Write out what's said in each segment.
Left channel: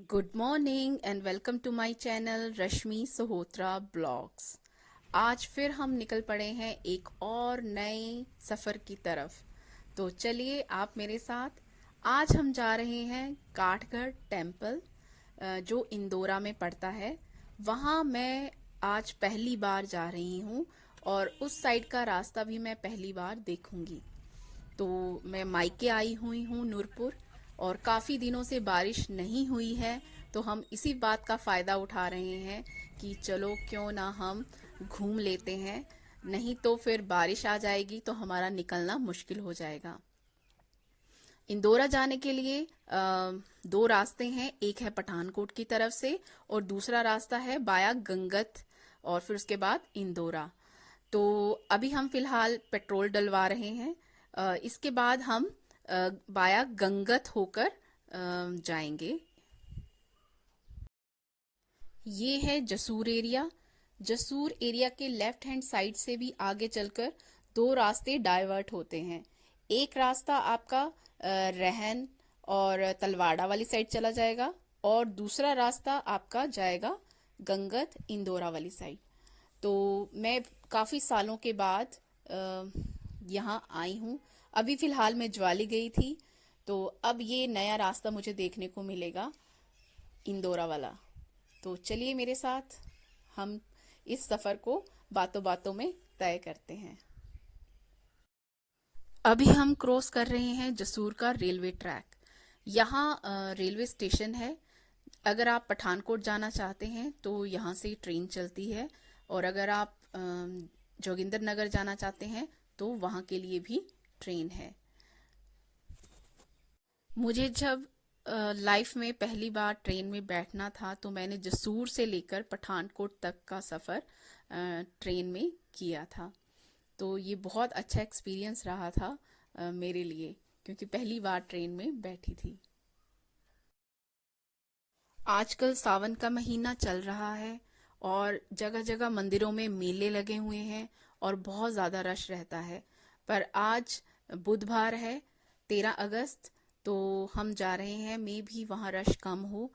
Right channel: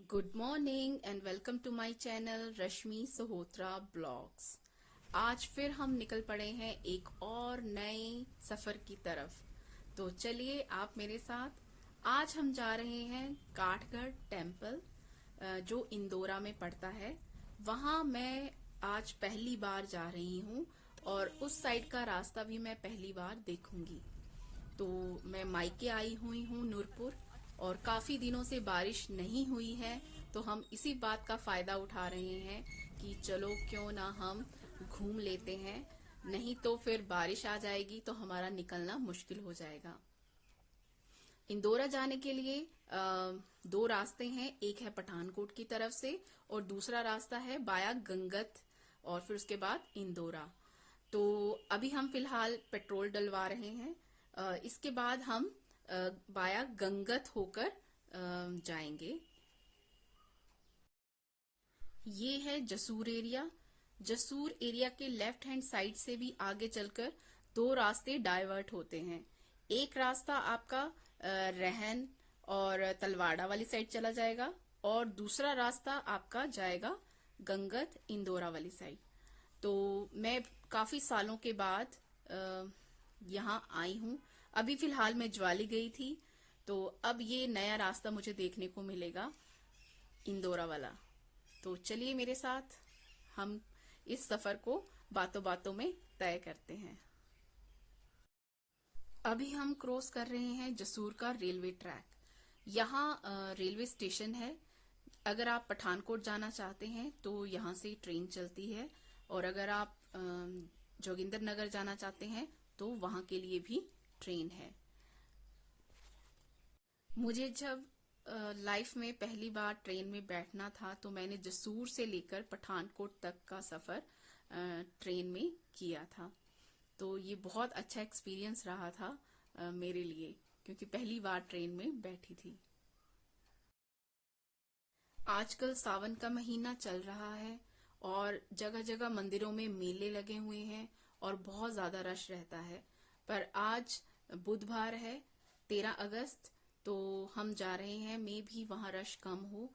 Good morning and welcome to my channel Rashmi Sohotra blogs. आज फिर हम निकल पड़े हैं एक और नए सफ़र की तरफ। तो चलिए आप मेरे साथ। आज हम जा रहे हैं काठगढ़ टेम्पल, जो इंदौरा में पड़ता है। वहाँ मैं आज पहली बार जा रही हूँ और उस साइड का रास्ता भी मैं पहली बार देखूंगी। तो मैं मायके आई हुई हूँ नूरपुर, और काफ़ी दिनों से बारिश नहीं हुई है। तो हम इसी बात का फ़ायदा उठा रहे हैं कि चलो क्यों ना हम घूम लेते हैं, नहीं तो फिर बारिश आ जाएगी तो हमारा निकलना मुश्किल हो जाएगा। इंदौरा जाने के लिए दो रास्ते हैं, एक है पठानकोट की तरफ से और दूसरा रास्ता है बाया गंगत और फिर उसके बाद इंदौरा। तो अभी हम फिलहाल पेट्रोल डलवा रहे हैं। इसके बाद हम बाया गंगत होकर जाएंगे। ये है जसूर एरिया। जसूर एरिया के लेफ्ट हैंड साइड से भी आगे चलकर दो रास्ते डाइवर्ट होते हैं। एक रास्ता आपका रहन और तलवाड़ा वाली साइड चला जाएगा और दूसरा रास्ता आपका जाएगा गंगत इंदौरा वाली साइड। तो मैं काफ़ी सालों के बाद यहाँ आई हूँ। अभी फिलहाल मैं ज्वाली गई थी, तो अब ये नया रास्ता मुझे देखने को मिलेगा, इंदौरा वाला। तो चलिए मेरे साथ, हम इस सफ़र को बातों बातों में तय करते हैं। अभी हम क्रॉस कर रहे हैं जसूर का रेलवे ट्रैक। यहाँ रेलवे स्टेशन है। अगर आप पठानकोट जाना चाहते हैं तो यहाँ से ट्रेन चलती है, और अगर आप जोगिंदर नगर जाना चाहते हैं तो वहाँ के लिए भी ट्रेन है। मुझे जब लाइफ में पहली बार ट्रेन में बैठना था तो मैंने जसूर से लेकर पठानकोट तक का सफ़र ट्रेन में किया था। तो ये बहुत अच्छा एक्सपीरियंस रहा था मेरे लिए, क्योंकि पहली बार ट्रेन में बैठी थी। आजकल सावन का महीना चल रहा है और जगह जगह मंदिरों में मेले लगे हुए हैं और बहुत ज़्यादा रश रहता है। पर आज बुधवार है, 13 अगस्त, तो हम जा रहे हैं। मे भी वहाँ रश कम हो,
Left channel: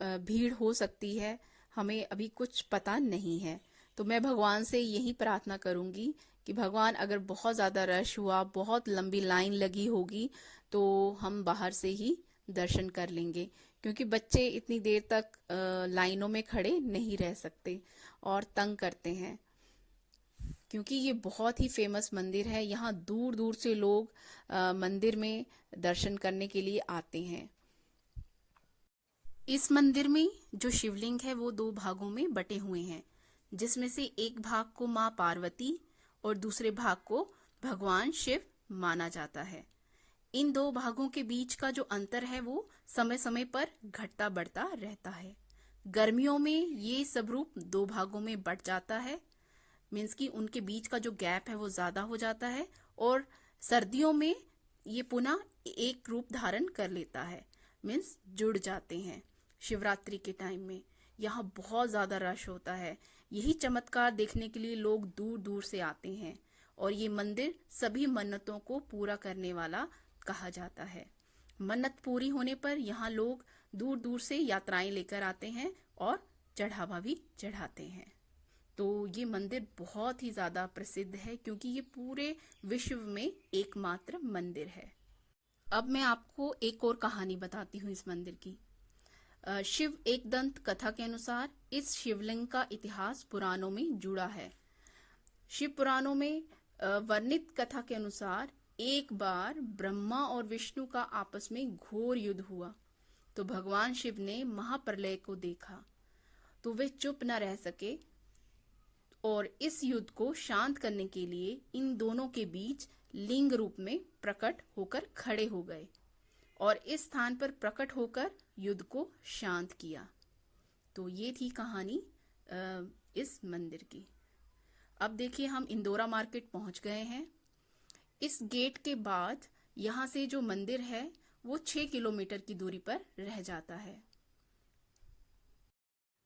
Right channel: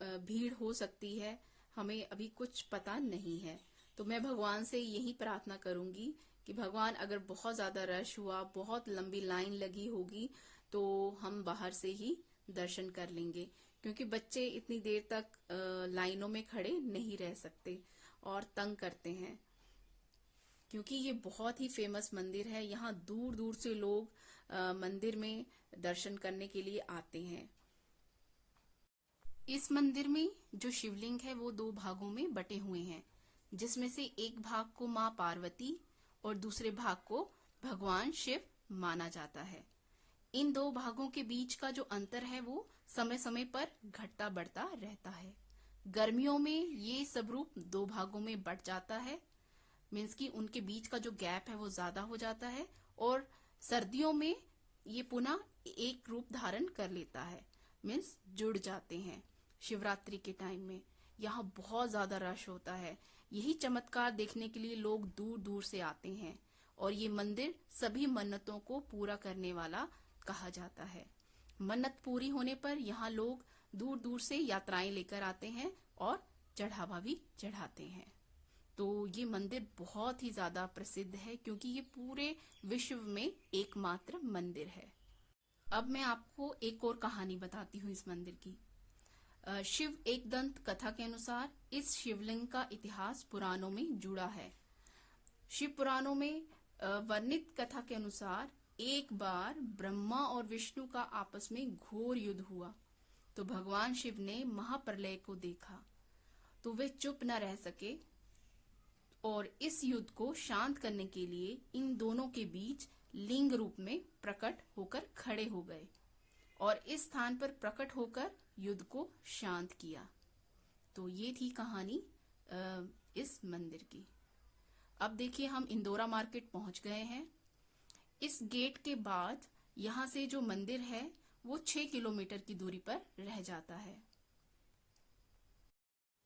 भीड़ हो सकती है, हमें अभी कुछ पता नहीं है। तो मैं भगवान से यही प्रार्थना करूंगी कि भगवान, अगर बहुत ज़्यादा रश हुआ, बहुत लंबी लाइन लगी होगी, तो हम बाहर से ही दर्शन कर लेंगे, क्योंकि बच्चे इतनी देर तक लाइनों में खड़े नहीं रह सकते और तंग करते हैं। क्योंकि ये बहुत ही फेमस मंदिर है, यहाँ दूर दूर से लोग मंदिर में दर्शन करने के लिए आते हैं। इस मंदिर में जो शिवलिंग है वो दो भागों में बटे हुए हैं, जिसमें से एक भाग को माँ पार्वती और दूसरे भाग को भगवान शिव माना जाता है। इन दो भागों के बीच का जो अंतर है वो समय समय पर घटता बढ़ता रहता है। गर्मियों में ये सब रूप दो भागों में बट जाता है, मीन्स कि उनके बीच का जो गैप है वो ज्यादा हो जाता है, और सर्दियों में ये पुनः एक रूप धारण कर लेता है, मीन्स जुड़ जाते हैं। शिवरात्रि के टाइम में यहाँ बहुत ज्यादा रश होता है। यही चमत्कार देखने के लिए लोग दूर दूर से आते हैं, और ये मंदिर सभी मन्नतों को पूरा करने वाला कहा जाता है। मन्नत पूरी होने पर यहाँ लोग दूर दूर से यात्राएं लेकर आते हैं और चढ़ावा भी चढ़ाते हैं। तो ये मंदिर बहुत ही ज्यादा प्रसिद्ध है, क्योंकि ये पूरे विश्व में एकमात्र मंदिर है। अब मैं आपको एक और कहानी बताती हूँ इस मंदिर की। शिव एक दंत कथा के अनुसार इस शिवलिंग का इतिहास पुराणों में जुड़ा है। शिव पुराणों में वर्णित कथा के अनुसार एक बार ब्रह्मा और विष्णु का आपस में घोर युद्ध हुआ, तो भगवान शिव ने महाप्रलय को देखा, तो वे चुप न रह सके और इस युद्ध को शांत करने के लिए इन दोनों के बीच लिंग रूप में प्रकट होकर खड़े हो गए और इस स्थान पर प्रकट होकर युद्ध को शांत किया। तो ये थी कहानी इस मंदिर की। अब देखिए, हम इंदौरा मार्केट पहुंच गए हैं। इस गेट के बाद यहाँ से जो मंदिर है वो 6 किलोमीटर की दूरी पर रह जाता है।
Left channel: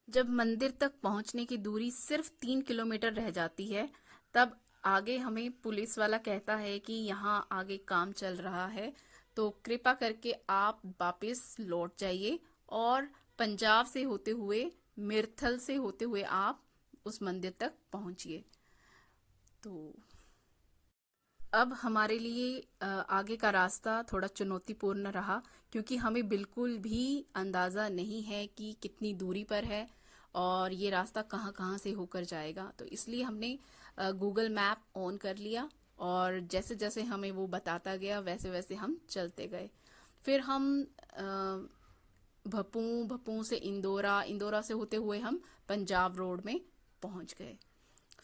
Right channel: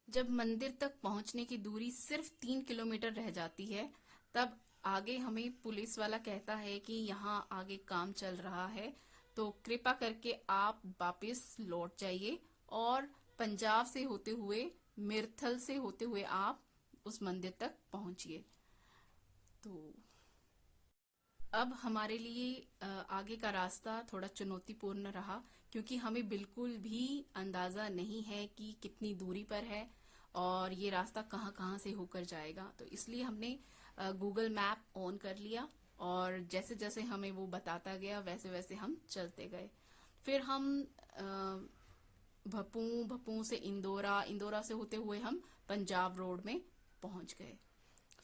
जब मंदिर तक पहुंचने की दूरी सिर्फ 3 किलोमीटर रह जाती है, तब आगे हमें पुलिस वाला कहता है कि यहाँ आगे काम चल रहा है, तो कृपा करके आप वापस लौट जाइए और पंजाब से होते हुए, मिर्थल से होते हुए आप उस मंदिर तक पहुंचिए। तो अब हमारे लिए आगे का रास्ता थोड़ा चुनौतीपूर्ण रहा, क्योंकि हमें बिल्कुल भी अंदाजा नहीं है कि कितनी दूरी पर है और ये रास्ता कहाँ कहाँ से होकर जाएगा। तो इसलिए हमने गूगल मैप ऑन कर लिया और जैसे जैसे हमें वो बताता गया वैसे वैसे हम चलते गए। फिर हम भप्पू से इंदौरा, इंदौरा से होते हुए हम पंजाब रोड में पहुंच गए।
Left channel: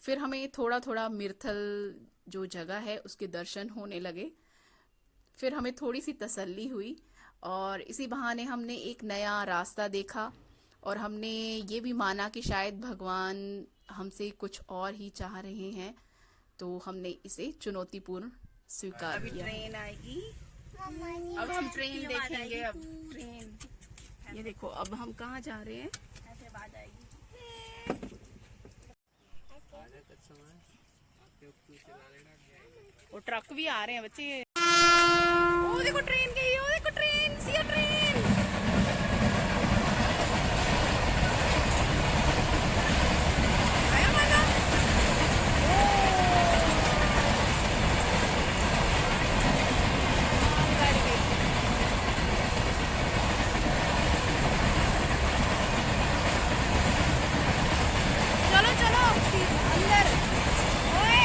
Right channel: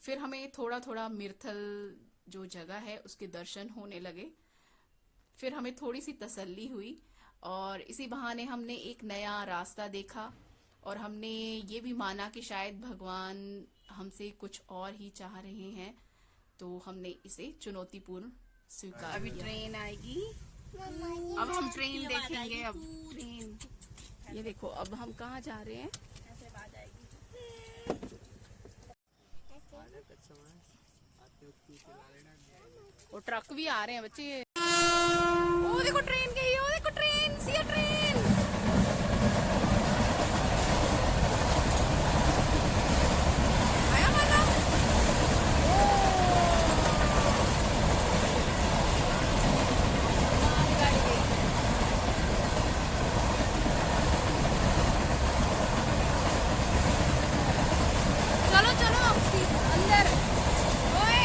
फिर हमें थोड़ा थोड़ा मिर्थल जो जगह है उसके दर्शन होने लगे। फिर हमें थोड़ी सी तसल्ली हुई और इसी बहाने हमने एक नया रास्ता देखा और हमने ये भी माना कि शायद भगवान हमसे कुछ और ही चाह रहे हैं, तो हमने इसे चुनौतीपूर्ण स्वीकार किया। अभी ट्रेन आएगी, अब हम ट्रेन देखेंगे। अब ट्रेन, ये देखो अब हम कहाँ जा रहे हैं। ऐसे आवाज आएगी। वो ट्रक भी आ रहे हैं बच्चे। ओ देखो ट्रेन गई, ओ देखो ट्रेन, सी ट्रेन। आया मजा। चलो चलो अंदर। ओए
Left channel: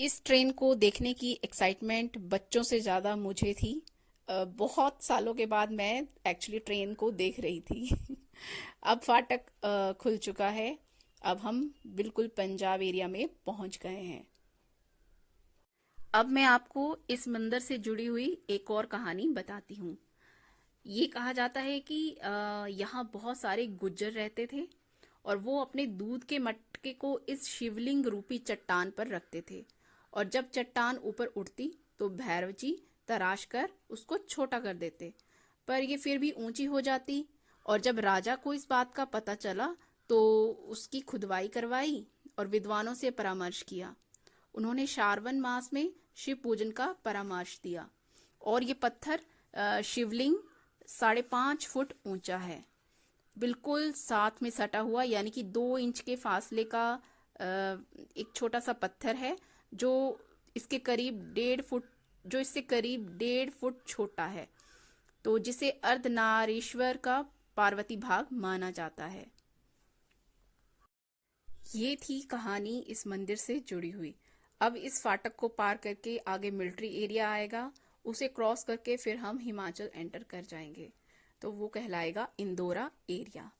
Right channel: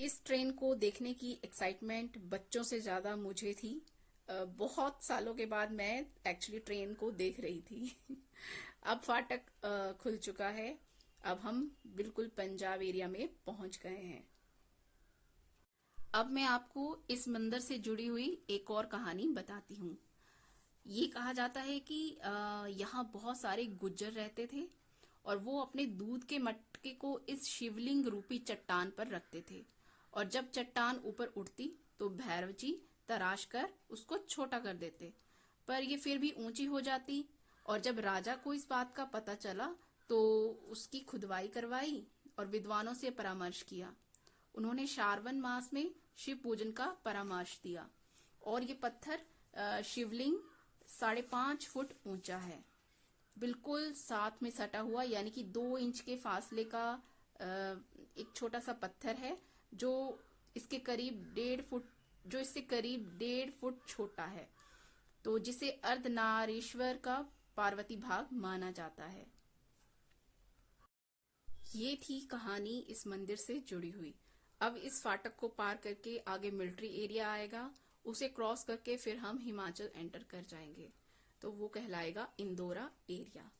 इस ट्रेन को देखने की एक्साइटमेंट बच्चों से ज़्यादा मुझे थी। बहुत सालों के बाद मैं एक्चुअली ट्रेन को देख रही थी। अब फाटक खुल चुका है, अब हम बिल्कुल पंजाब एरिया में पहुंच गए हैं। अब मैं आपको इस मंदिर से जुड़ी हुई एक और कहानी बताती हूँ। ये कहा जाता है कि यहाँ बहुत सारे गुज्जर रहते थे और वो अपने दूध के मटके को इस शिवलिंग रूपी चट्टान पर रखते थे, और जब चट्टान ऊपर उठती तो भैरव जी तराश कर उसको छोटा कर देते, पर ये फिर भी ऊंची हो जाती। और जब राजा को इस बात का पता चला तो उसकी खुदवाई करवाई और विद्वानों से परामर्श किया। उन्होंने श्रावण मास में शिव पूजन का परामर्श दिया और ये पत्थर शिवलिंग 5.5 फुट ऊंचा है, बिल्कुल साथ में सटा हुआ, यानी कि 2 इंच के फासले का एक छोटा सा पत्थर है जो इसके करीब 1.5 फुट छोटा है, तो जिसे अर्धनारीश्वर का पार्वती भाग माना जाता है। ये थी कहानी इस मंदिर से जुड़ी हुई। अब इस फाटक को पार करके आगे मिलिट्री एरिया आएगा, उसे क्रॉस करके फिर हम हिमाचल एंटर कर जाएंगे, तो वो कहलाएगा इंदौरा एरिया।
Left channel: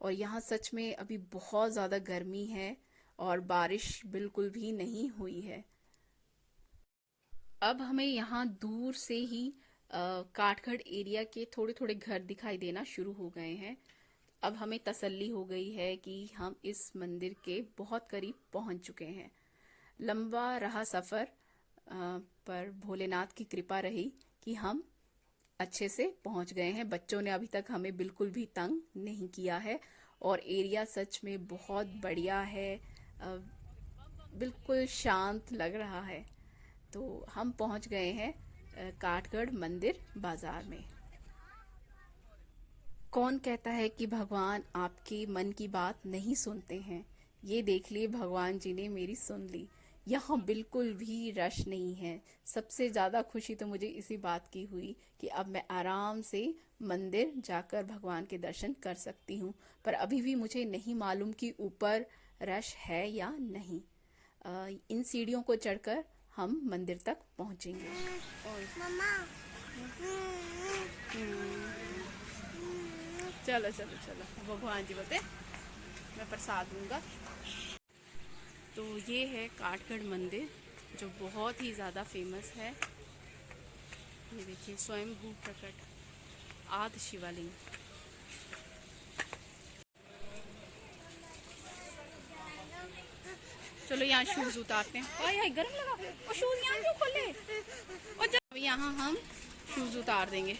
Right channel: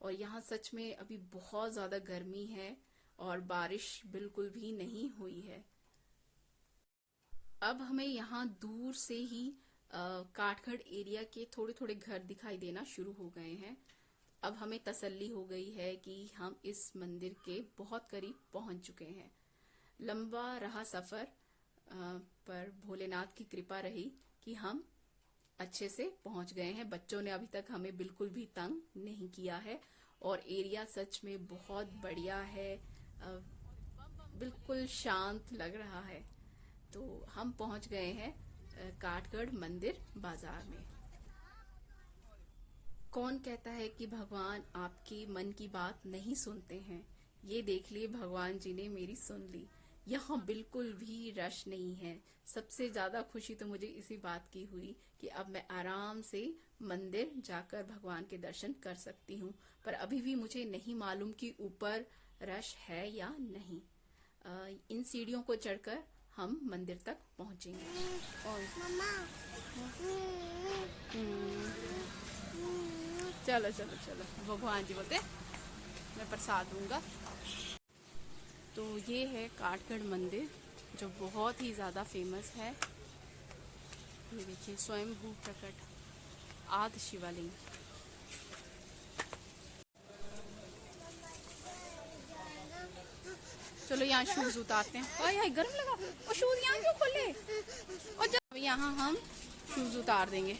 और यहाँ सच में अभी बहुत ज़्यादा गर्मी है और बारिश बिल्कुल भी नहीं हुई है। अब हमें यहाँ दूर से ही काठगढ़ एरिया के थोड़े थोड़े घर दिखाई देना शुरू हो गए हैं। अब हमें तसल्ली हो गई है कि हम इस मंदिर के बहुत करीब पहुंच चुके हैं। लंबा रहा सफ़र, पर भोलेनाथ की कृपा रही कि हम अच्छे से पहुंच गए हैं। बच्चों ने अभी तक हमें बिल्कुल भी तंग नहीं किया है और एरिया सच में बहुत बढ़िया है, बिल्कुल शांत लग रहा है। तो हम पहुंच गए हैं काठगढ़ मंदिर बाजार में। कौन कहता है कि भगवान आपके मन की बात नहीं सुनते हैं? ये देख लिए भगवान जी ने मेरी सुन ली। यहाँ बिल्कुल भी रश नहीं है। सबसे ज़्यादा खुशी तो मुझे इसी बात की हुई कि अब मैं आराम से मंदिर जाकर भगवान के दर्शन कर सकती हूँ, पर अभी भी मुझे नहीं मालूम कि ऊपर रश है या नहीं। इन सीढ़ियों को चढ़कर हम मंदिर तक पहुँचेंगे। और चलो चलो चलो, भगवान जी बोलते मैं प्रसाद दूंगा। तो ये है काठगढ़ मंदिर जो बहुत ही ज़्यादा फेमस है। ये देखिए स्वयंभू प्रकट आदि शिवलिंग। चलो यहाँ शूज उतारते हैं। और यहाँ गर्म लगा और शूज यहाँ क्यों खोले? और जब यहाँ हम शूज उतार देंगे।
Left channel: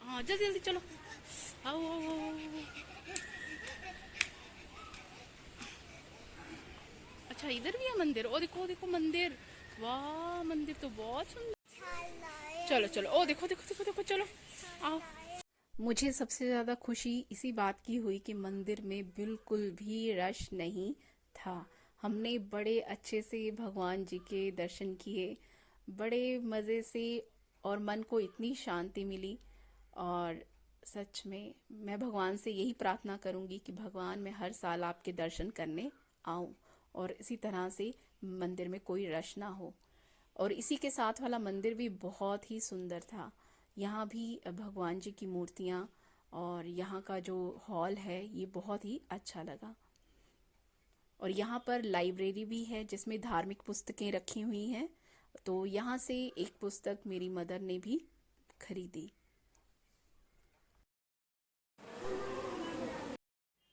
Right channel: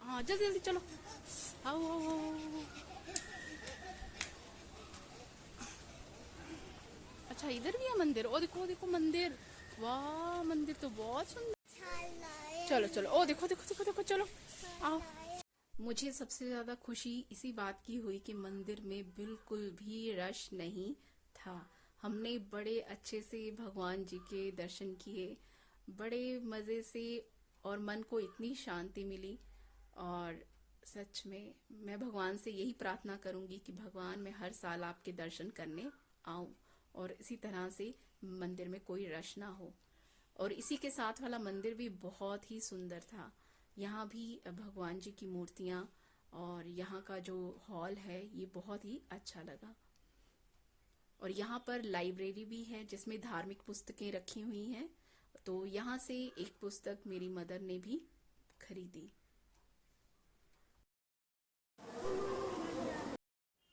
हाँ जल्दी जल्दी चलो, आओ आओ आओ। अच्छा इधर भी है मंदिर। ओ देखो देखो मंदिर, वाह मंदिर तो बहुत सुंदर। चलो चलो, ओ देखो देखो देखो देखो, चलो आओ। मुझे सबसे ज्यादा खुशी इसी बात की हुई कि मंदिर में बिल्कुल भी रश नहीं था। हमने बड़े अच्छे से भगवान जी के दर्शन किए, बड़े मजे से, और मन को इतनी शांति मिली। और सच में मैं भगवान से यही प्रार्थना करूंगी कि भगवान मैं हर साल आपके दर्शन करने आऊं और इसी तरह से मंदिर में कोई रश ना हो। और इसी के साथ वाला मंदिर भी बहुत ही सुंदर था। यहाँ भी भगवान जी की मूर्तियां और यहाँ का जो हॉल है ये बहुत ही अच्छा लगा। और यहाँ पर लाइब्रेरी भी है जिसमें धार्मिक पुस्तकें रखी हुई हैं। तो यहाँ से एक पुस्तक मेरी मदर ने भी खरीदी।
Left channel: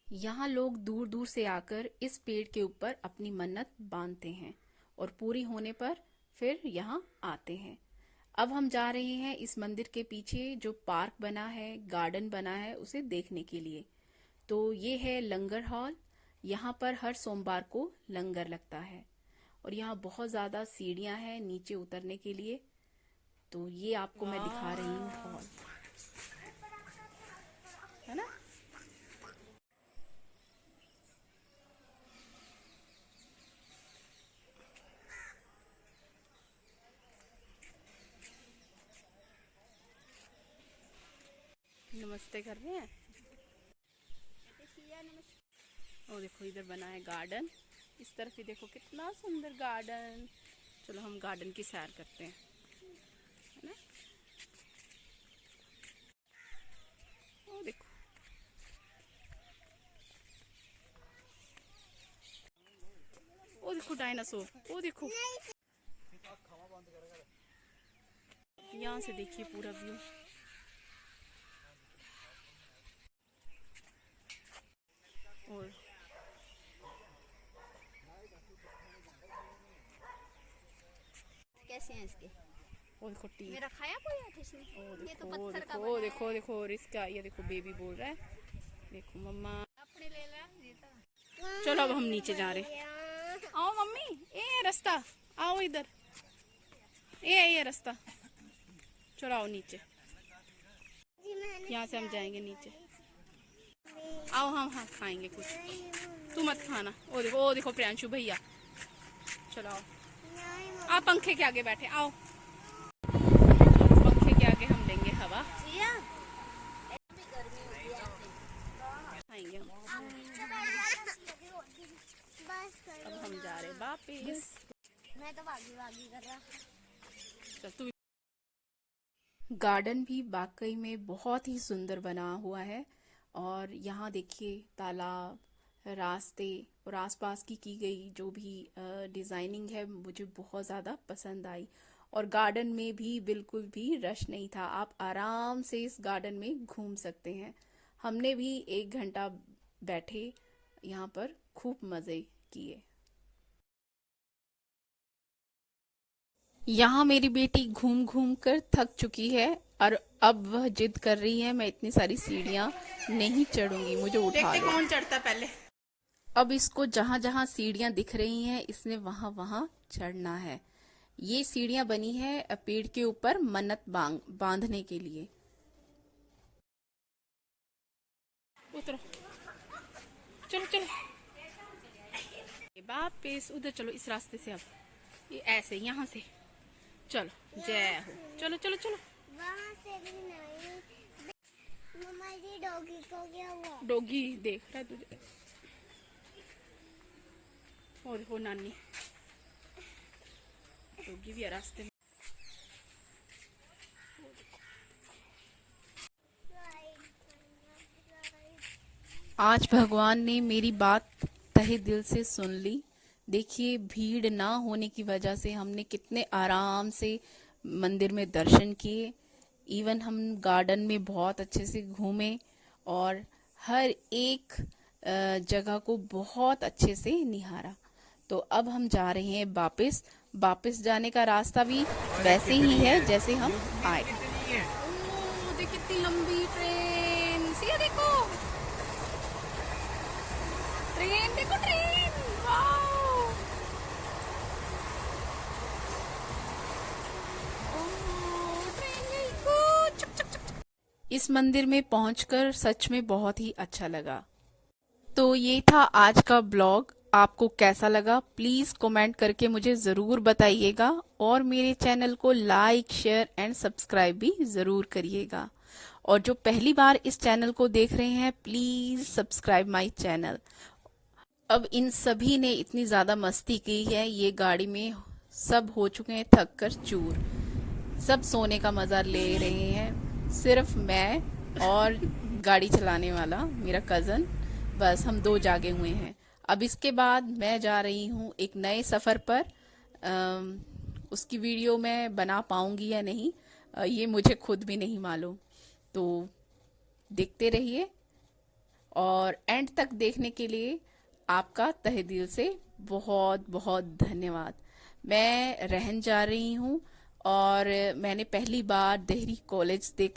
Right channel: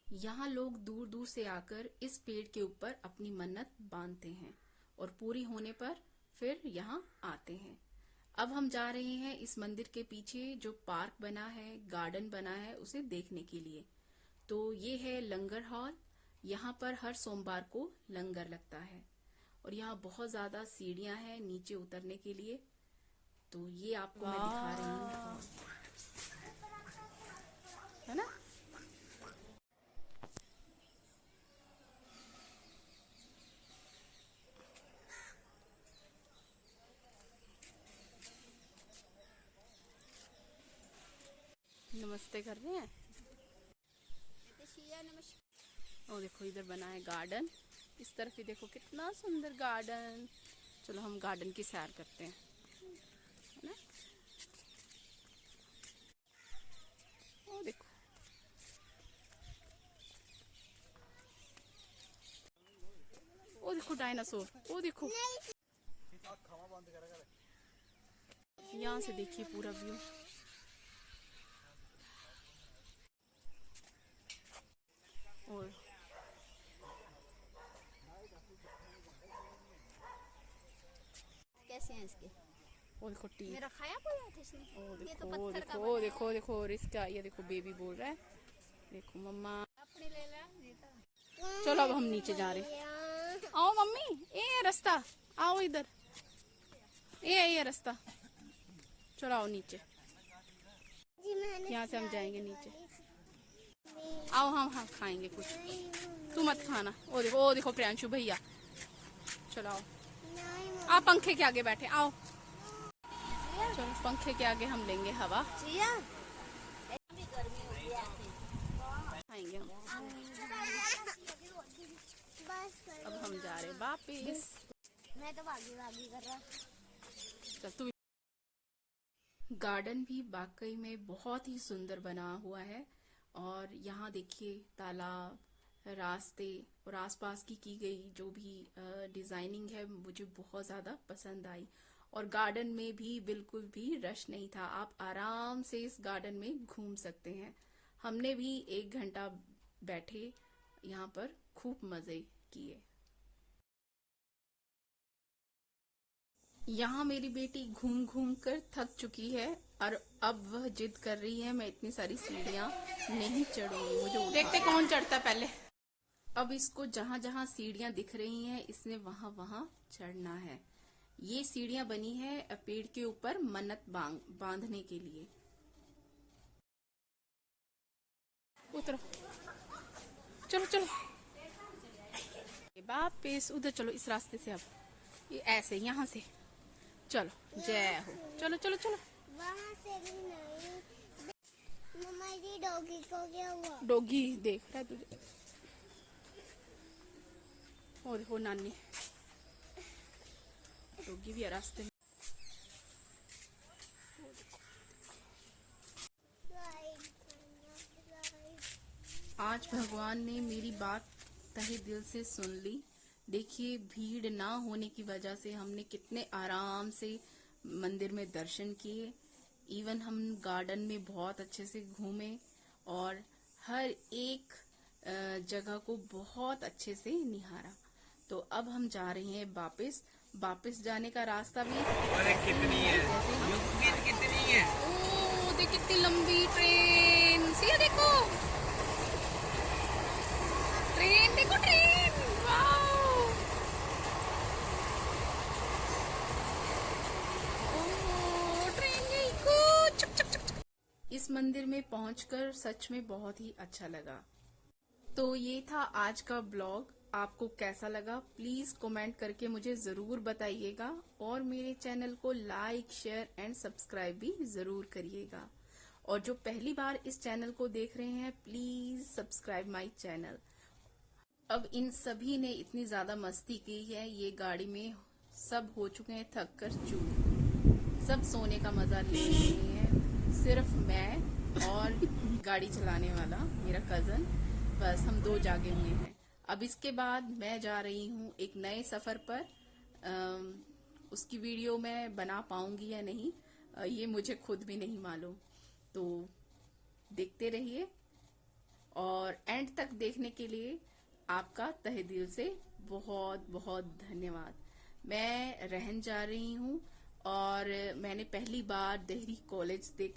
यहाँ लोग दूर दूर से आकर इस पेड़ के ऊपर अपनी मन्नत बांधते हैं और पूरी होने पर फिर यहाँ आते हैं। अब हम जा रहे हैं इस मंदिर के पीछे जो पार्क बना है, गार्डन बना है, उसे देखने के लिए। तो ये है लंगर हॉल। यहाँ पर हर सोमवार को लंगर लगता है और यहाँ बहुत ज्यादा सीढ़ियां हैं नीचे उतरने के लिए। तो ये आपको मैं दिखा रही हूँ हॉल, है ना। नमस्ते कर रहे हैं। और देखो इधर बना है गार्डन, इस तरफ भी देखो कितना सुंदर गार्डन। चलो हम गार्डन की सैर करते हैं, है ना। ओ देखो, ओ देखो डायनासोर, ओ देखो। यहाँ से देखिए पूरा व्यू। और कैसे हैं इसके? ओ देखो टी, मेरा खाया कोई है किसने? ओ देखो ओ देखो ओ देखो देखो, और इसका ये देखो बेबी बोल रहा है, देखो मम्मा अपने ले ला ये तो। चलो अब हम नीचे जा रहे। आओ मम्मी, ये रास्ता, आओ इधर, ये रास्ता, चलो आओ नीचे। यहाँ से हम जाएंगे नीचे। आओ हम हाँ खाएंगे कुछ, तू मत खाना। ओ देखो प्रियांशु भैया, चलो आओ। आप पंखे के आगे बैठे, आओ चलो पंखे के आगे हम लेंगे हवा, खाएंगे हम। अब हम जा रहे वापिस। मैं तो भागी भागी कर रहा। चल तू। गार्डन भी वाकई में बहुत ही सुंदर बना हुआ है। और यहाँ देखिए तालाब, रास्ते और आसपास की गई जो भी डिजाइनिंग है मुझे बहुत ज़्यादा पसंद आई। और गार्डन में भी बिल्कुल भी रश नहीं था, आप आराम से इस गार्डन में घूम सकते हैं। हमने भी 1 घंटा बैठे यहाँ पर, खूब मज़े किए। यहाँ मेरी बेटी घूम घूम कर थक चुकी है और अब वह जिद कर रही है मैं इतनी सारी सीढ़ियाँ नहीं चढ़ूंगी, मुझे उठा देखते कौन चढ़ता पहले। अब इसको जहाँ जहाँ सीढ़ियाँ दिख रही हैं इसने वहां वहां चढ़ना है। ये सीढ़ियाँ बनी है पेड़ के ऊपर मन्नत बांधने के लिए। उतरो, चलो चलो वापिस उधर चलो, इस रास्ते से। अब ये ऐसे यहाँ से चलो, जय हो। चलो चलो चलो, वहाँ से भी नहीं। मम्मा जी डॉगी को क्या हुआ? डॉगी देख रहा है तुझे। और देखो नानी, डॉगी भी है रास्ते में। आज भगवान ने मेरी बात तहे दिल से सुन ली। देखिए भीड़ ना होने की वजह से हमने कितने आराम से मंदिर में दर्शन किए। इवन हम गार्डन में बहुत अच्छे से घूमे और हर एक जगह को बहुत अच्छे से निहारा। तो अब हम जा रहे हैं वापस। वापस जाने का रास्ता भी वैसे ही है जैसे हम आए। ओह देख कितनी लंबी ट्रेन, ये देखो ट्रेन, देखो ट्रेन, वाओ इस मंदिर में पहुंचकर सच में बहुत ही अच्छा लगा। तो ये था आज का ब्लॉग। आपको कैसा लगा प्लीज कमेंट करके मुझे जरूर बताइएगा, और मेरे चैनल को लाइक शेयर एंड सब्सक्राइब भी जरूर करिएगा। और जो पहली बार इस चैनल को देख रहे हैं प्लीज सब्सक्राइब माय चैनल। अब इन सभी ने इतनी ज्यादा मस्ती की है ये गाड़ी में, सब हो चुके हैं थक कर चूर, सब सोने का मजा ले रहे हैं। सिर्फ मैं और गाड़ी चलाने वाला मेरा कजन, बस हम दो जागे हुए हैं। अब इसके बाद मैं जा रही हूँ एक नए सफर पर। उसकी वीडियो मैं बना पाऊंगी या नहीं ये मुझे खुद भी नहीं मालूम। तो देखते रहिए, और एंड तक देखने के लिए आपका तहे दिल से बहुत बहुत धन्यवाद। मैं रहन जा रही हूँ और मैंने पहली बार देहरी कॉलेज देखा।